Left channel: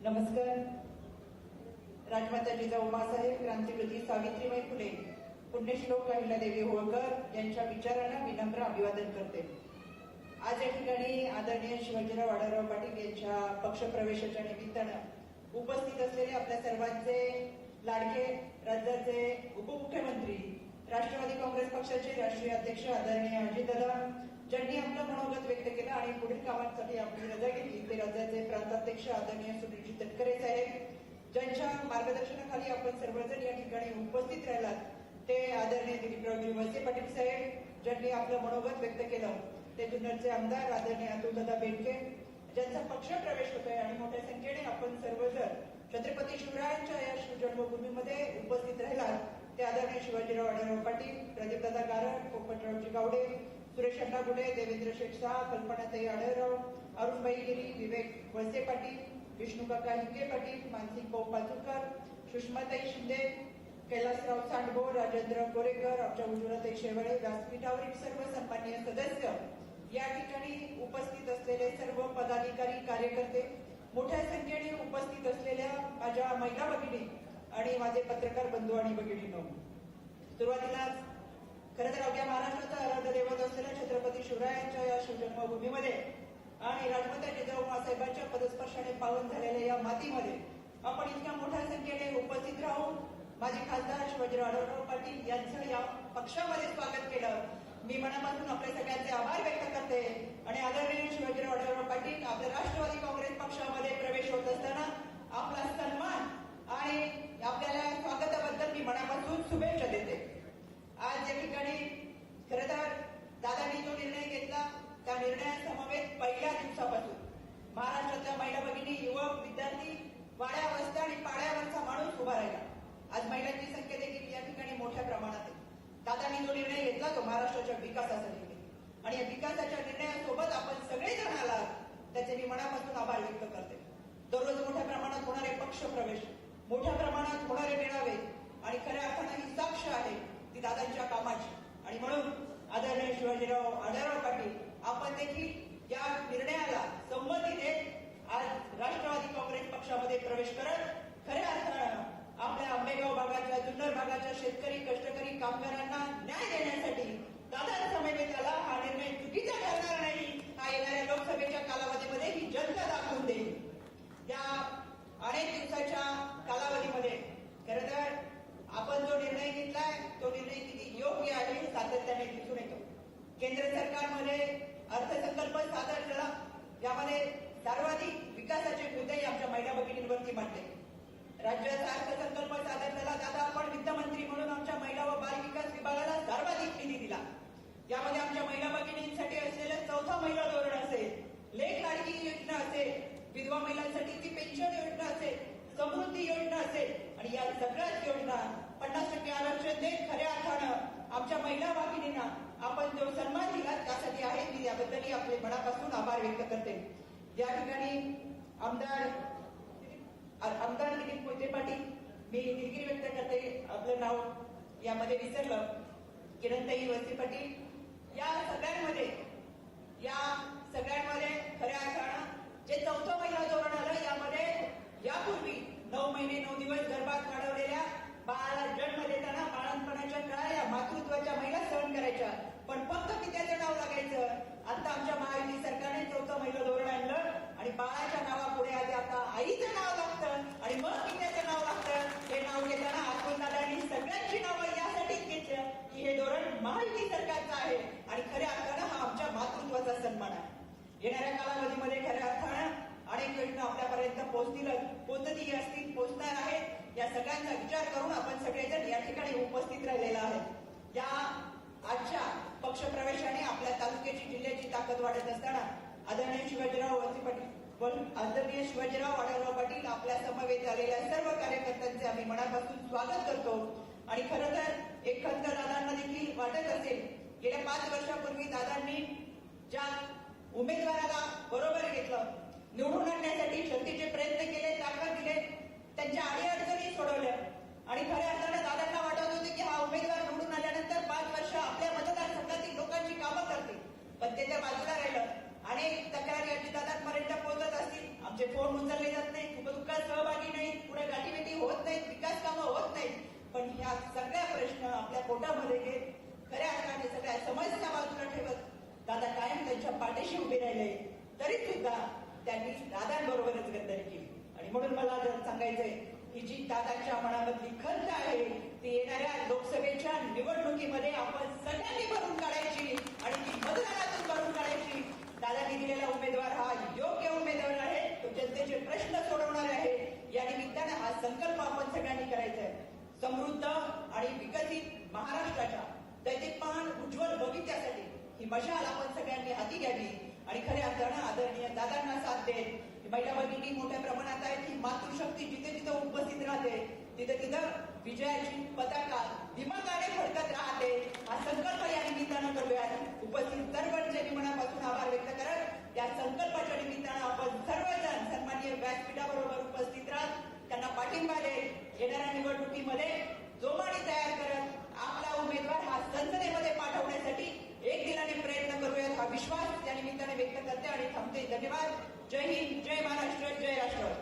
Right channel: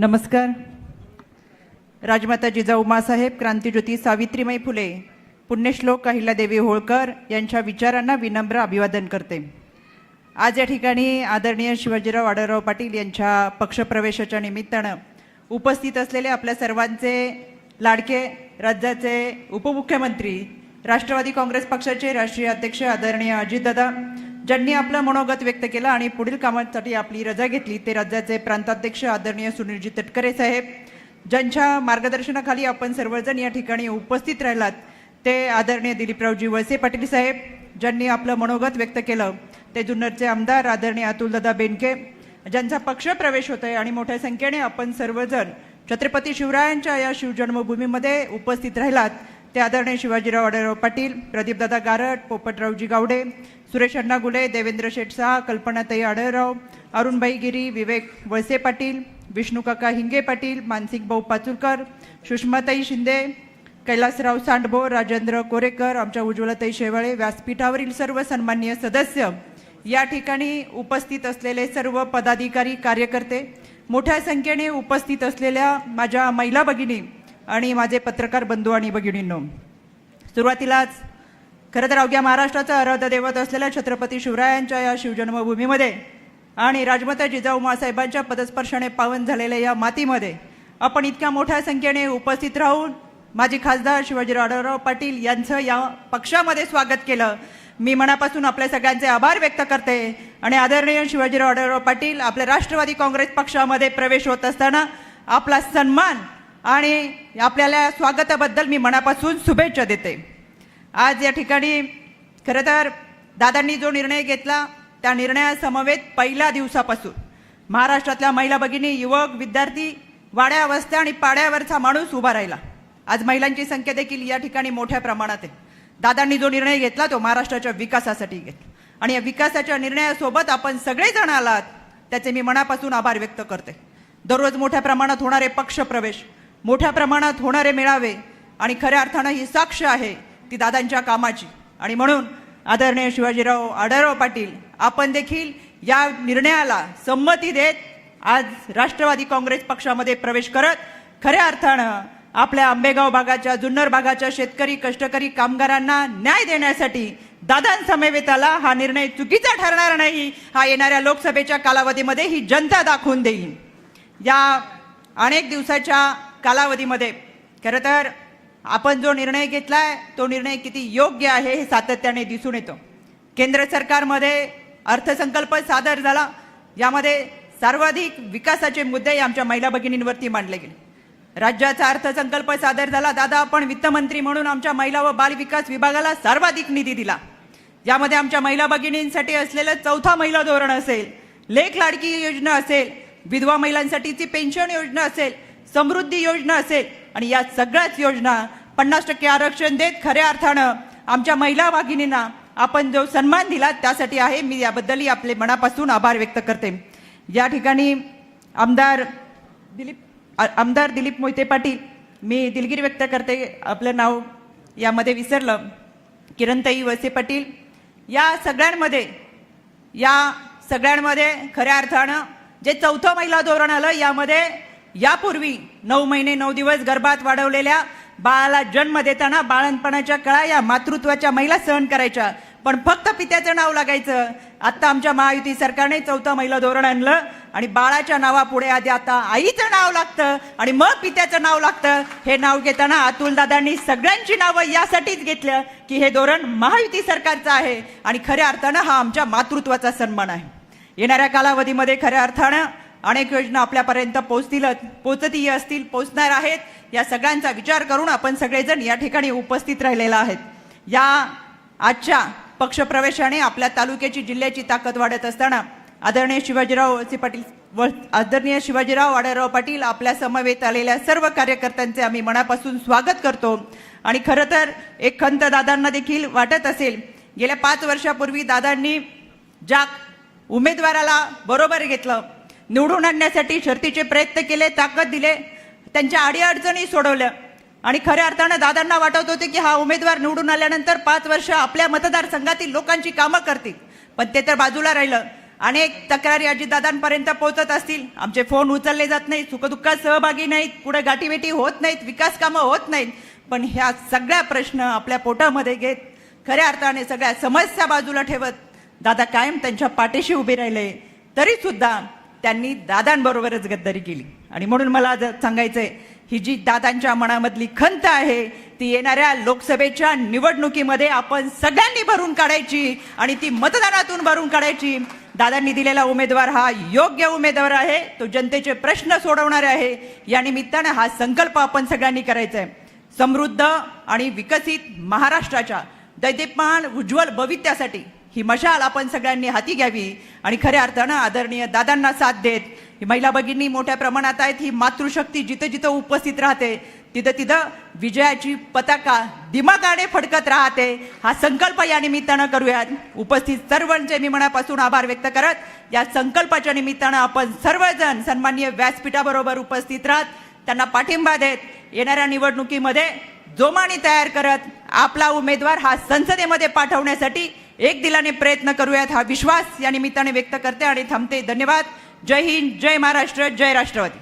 नमस्कार. राजमाता जिजाऊ माँसाहेब, क्रांतिज्योती सावित्रीबाई फुले, पुण्यश्लोक अहिल्यादेवी होळकर यांच्या विचारांना विनम्र अभिवादन करते. आज या ठिकाणी आदरणीय शिवाजीराव आढळराव पाटील यांच्या पक्षप्रवेशाच्या निमित्तानं उपस्थित असलेले आपल्या सर्वांचे लाडके राज्याचे उपमुख्यमंत्री, राष्ट्रवादी काँग्रेस पक्षाचे राष्ट्रीय अध्यक्ष आदरणीय अजितदादा, ज्यांनी आपलं मनोगत व्यक्त केलं आणि पुढील कामासाठी आपली रजा घेतली, ते राज्याचे प्रांताध्यक्ष आदरणीय सुनीलजी तटकरे साहेब, ज्यांच्या मार्गदर्शनाखाली आपण सर्वजण या ठिकाणी उपस्थित राहिलात, ते आदरणीय दिलीपरावजी वळसे पाटील साहेब, ज्यांनी आपलं मनोगत व्यक्त केलं, ते जुन्नरचे आमदार आदरणीय अतुलदादा बेनके, ज्यांचा पक्षप्रवेश होतोय आणि मोठ्या संख्येने आपण सर्वजण छत्रपती शिवरायांच्या या शिवजन्मभूमीमध्ये उपस्थित राहिलात, ते आदरणीय शिवाजीराव आढळराव पाटील, प्रदीपदादा गारट, पोपटरावजी गावडे, सुरेश अण्णा गुले, देवेंद्र शेठ शाह, कल्पनाताई आढळराव, अरुणबाई गिरी, विवेक वळसे पाटील, विष्णुकाका हिंगे पाटील, मानसिक भाऊ पाचुलकर, सुषमाताई शिंदे, कैलासराव सांडभो, राजेंद्र कोरेकर, आमच्या उज्ज्वलाताई शेवाळे, व्यासपीठावरील सर्व सन्माननीय सदस्य, या ठिकाणी उपस्थित असलेले सर्व पदाधिकारी, कार्यकर्ते, मोठ्या संख्येने उपस्थित असलेल्या माझ्या महिला भगिनी आणि माझे पत्रकार बंधू आणि भगिनींनो, सुरुवातीलाच खरं तर अवघ्या महाराष्ट्राचा आराध्य दैवत असलेल्या छत्रपती शिवरायांच्या या शिवजन्मभूमीमध्ये आणि राजमाता जिजाऊ माँसाहेबांच्या पदस्पर्शाने पावन झालेल्या या मातीमध्ये आपण इतक्या मोठ्या संख्येने उपस्थित राहून माजी खासदार शिवाजीराव आढळराव पाटील यांचं या पक्षामध्ये स्वागत केलं. मी मनापासून आपल्या सगळ्यांचे आभार व्यक्त करते आणि आदरणीय शिवाजीराव आढळराव पाटील आपल्या राष्ट्रवादी काँग्रेस पक्षामध्ये प्रवेश होत असताना आपला सन्मान आणि आपल्याला स्वागताबद्दल मी मनापासून शुभेच्छा देते. आज या ठिकाणी खरं तर दादांनी जो निर्णय घेतला त्या निर्णयासमवेत पहिल्या दिवसापासून महाराष्ट्रातल्या महिला भगिनी, युवक, विद्यार्थी, वाड्या वस्त्या आणि पाड्यावरचा माणूस उभा राहिला. आज महिलांची संख्या देखील या ठिकाणी मोठ्या प्रमाणात आहे. दादांनी जो निर्णय घेतला तो महाराष्ट्राच्या विकासासाठी घेतला आणि या विकासाच्या निर्णयासोबत आपण सगळेजण आलात, त्याचे मी मनापासून आभार व्यक्त करते. दररोज मोठ्या प्रमाणात होणारे पक्षप्रवेश, मोठ्या प्रमाणात होणारे मेळावे आणि खऱ्या अर्थानं ही साक्ष आहे ती दादांच्या कामाची आणि म्हणून आदरणीय शिवाजीराव आढळराव पाटील आपण देखील या निर्णयाला संमती देत आज राष्ट्रवादी काँग्रेस पक्षामध्ये प्रवेश करत खऱ्या अर्थानं आपल्या आंबेगाव भागाच्या, जुन्नर भागाच्या शेतकरी, कष्टकरी, कामगारांना न्याय देण्यासाठी दादांसमवेत आला. हा निर्णय चुकीचा ठरणार नाही, हा येणाऱ्या लोकसभेच्या कालावधीमध्ये ही जनता दाखवून देईल. या अनेक दिवसाच्या कालावधीमध्ये खरं तर आपण जो निर्णय घेतलाय तो निर्णय किती योग्य आहे हे सातत्याने दिसून येतो. केंद्र सरकारमध्ये अर्थसंकल्प सादर झाला, यामध्ये सर्वाधिक विकासाचे मुद्दे आमच्या महिला भगिनींवरती मांडले गेले. राज्याचा अर्थसंकल्प सादर झाला, दादा आपण वित्तमंत्री म्हणून आमच्या महिला व बाल विकास विभागाला सर्वाधिक निधी दिला. यामध्ये आमच्या महिला भगिनींसाठी असलेलं चौथा महिला धोरण असेल, लेख लाडकी योजना असेल, विधवा महिलांसाठीची पेन्शन योजना असेल, समृद्धी योजना असेल आणि या सगळ्याच योजना 50% आरक्षण देत खऱ्या अर्थानं आमच्या महिला भगिनींना आपण जो सन्मान दिला त्यासाठी आहे. मी याबद्दलही आपले मनापासून आभार व्यक्त करते. या ठिकाणी आमदार दिलीप मोहिते पाटील, मी दिलगिरी व्यक्त करते, आपलं नाव यामध्ये विसरलं, किरणताई वळसे पाटील, या सगळ्यांमध्ये खऱ्या अर्थानं जे चौथं महिला धोरण आलं, यामध्ये यापूर्वी 9 महिने 9 दिवस गर्भात वाढवलेल्या बाळाला जन्म देताना बाळणपणाच्या कळा या मातृत्वाच्या महिला सहन करायच्या, पण फक्त पित्याचं नाव लागायचं. आता आमच्या महायुती सरकारने चौथं महिला धोरण आणलं आणि बाळाच्या नावापुढे आधी आता आईचं नाव लागतं आणि मग पित्याचं नाव लागतं. हे नाव घेताना अतुलदादांनी सगळ्यांची नावं यासाठीच घेतलं की हे धोरण महायुती सरकारचं आहे आणि खऱ्या अर्थानं हा आमच्या मातृत्वाचा सन्मान आहे. येणाऱ्या कालावधीमध्ये खऱ्या अर्थानं अनेक योजना आपल्यापर्यंत पोचती असतील, पोचणार आहेत. या सगळ्यांचा विचार करून आपण सगळेजण या ठिकाणी उपस्थित राहिलेला आहेत. या आजच्या पक्षप्रवेशाने आपल्या तालुक्याची, जिल्ह्याची ताकद वाढत असताना आदरणीय शिवाजीराव आढळराव पाटील आपल्या समवेत आलेल्या सर्व कार्यकर्त्यांचे आम्ही मनापासून स्वागत करतो. आणि खरं तर एक खंत दादांना देखील वाटत असेल, गेल्या 5 वर्षापूर्वी दादांनी ज्या उमेदवाराला बरोबर घेतलं, निवडून आणण्यासाठी शर्तीचे प्रयत्न केले, ताकद दिले, त्यांच्या अडीअडचणी सोडवल्या आणि खऱ्या अर्थानं दादांना वाटत होते की हा उमेदवार निवडून आल्यानंतर 5 वर्ष आपल्या मतदारसंघातील लोकांची कामं करतील, पण ते तर बाजूला राहिलं. अनेक तक्रारी अजितदादांपर्यंत पोहोचत असतील, आमचे फोन उचलले जात नाहीत, सुखदुःखात सहभागी नाहीत, पुढे गाठीभेटी होत नाहीत, विकास कामं होत नाहीत, पण ह्या सगळ्या प्रश्न आपल्या पोटामध्ये घेत खऱ्या अर्थाने सगळ्या समस्या बाजूला ठेवत दादा कायम त्यांच्या पाठीशी उभे राहिले, तरी सुद्धा त्यांनी दादांबरोबरच गद्दारी केली. आणि म्हणून मला आज सांगायचंय, ही जी दादांच्या मनामधली खंत आहे ती येणाऱ्या लोकसभेच्या निवडणुकीमध्ये आपण सगळ्यांनी भरून काढायची आणि ती मतदानातून भरून काढायची. दादांनी दिलेला उमेदवार हा योग्य उमेदवार आहे, तो जनतेचे प्रश्न सोडवणारे आहे. या निमित्तानं हा संकल्प आपण सगळ्यांनी करायचा आहे. समृद्ध आणि विकसित महाराष्ट्राच्या दैदिप्यमान उज्ज्वल भविष्यासाठी ही मशाल आपण सगळ्यांनी हाती घ्यावी आणि खऱ्या अर्थानं आदरणीय दादांना साथ देत ही महिला भगिनी मोठ्या प्रमाणात आहेत. ही मातृशक्ती जिथं जिथं उपस्थित राहते तिथं तिथं विजयाची पताका दिमागाने फडकत राहते. हा संकल्प या निमित्तानं करूयात. उपस्थित सर्वांचे मी मनापासून आभार व्यक्त करत या संकल्पाच्या निमित्तानं आपण सर्वजण सन्माननीय व्यासपीठाबरोबर उपस्थित राहत त्यांना पाठिंबा देत येणाऱ्या निवडणुकीमध्ये जोमाने तयार करत आपला उमेदवार हा संसदेमध्ये पाठवण्यासाठी एक दिलाने प्रयत्न करूयात हा विश्वास या निमित्ताने व्यक्त करते आणि थांबते. धन्यवाद. जय हिंद, जय महाराष्ट्र, जय राष्ट्रवादी.